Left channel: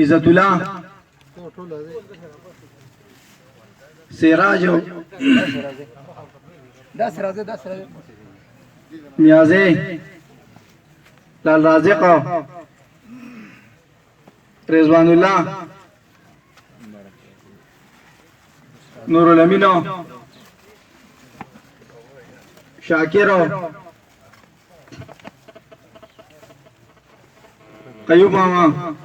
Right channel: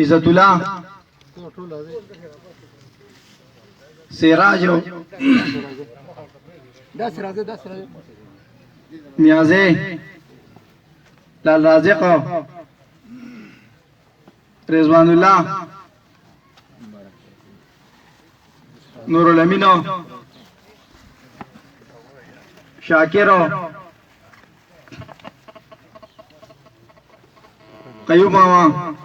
عزت الله سراجو نیازی لال رازق رضوان الله نور الامین شاکر قیوب ماما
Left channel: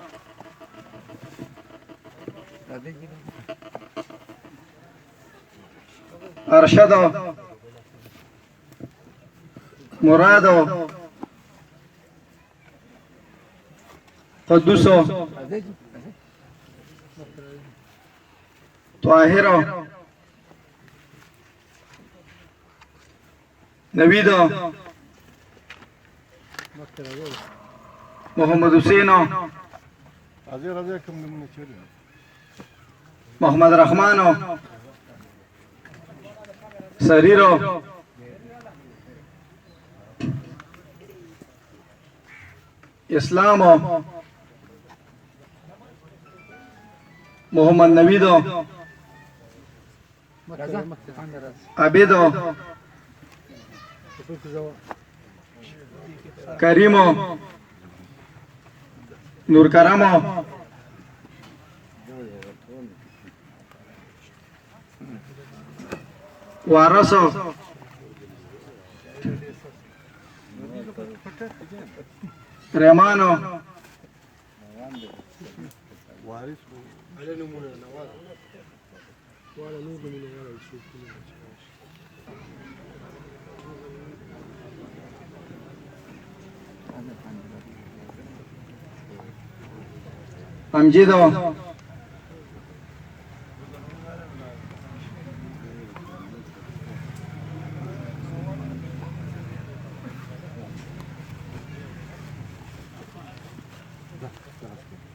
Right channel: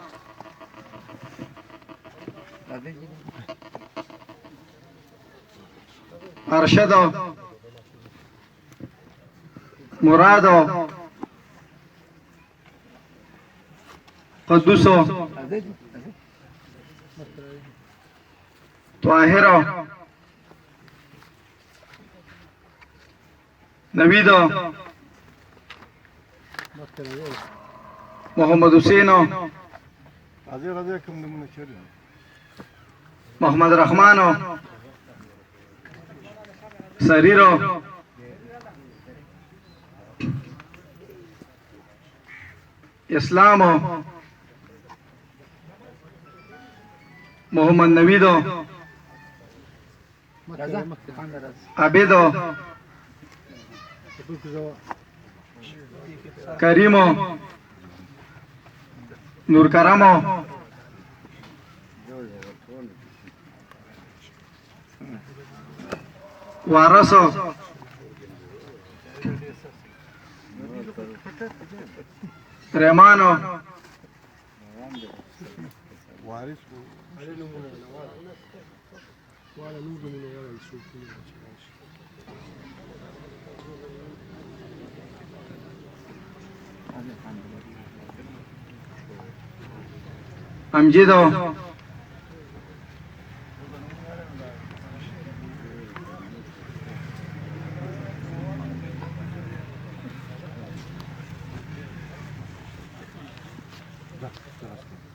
ارشد مراد قدوس طاهر نوید محمد حسین محمد رحمان سریر اسلام محمد نوید عبید کریم نور کرم وارث رحمان امجد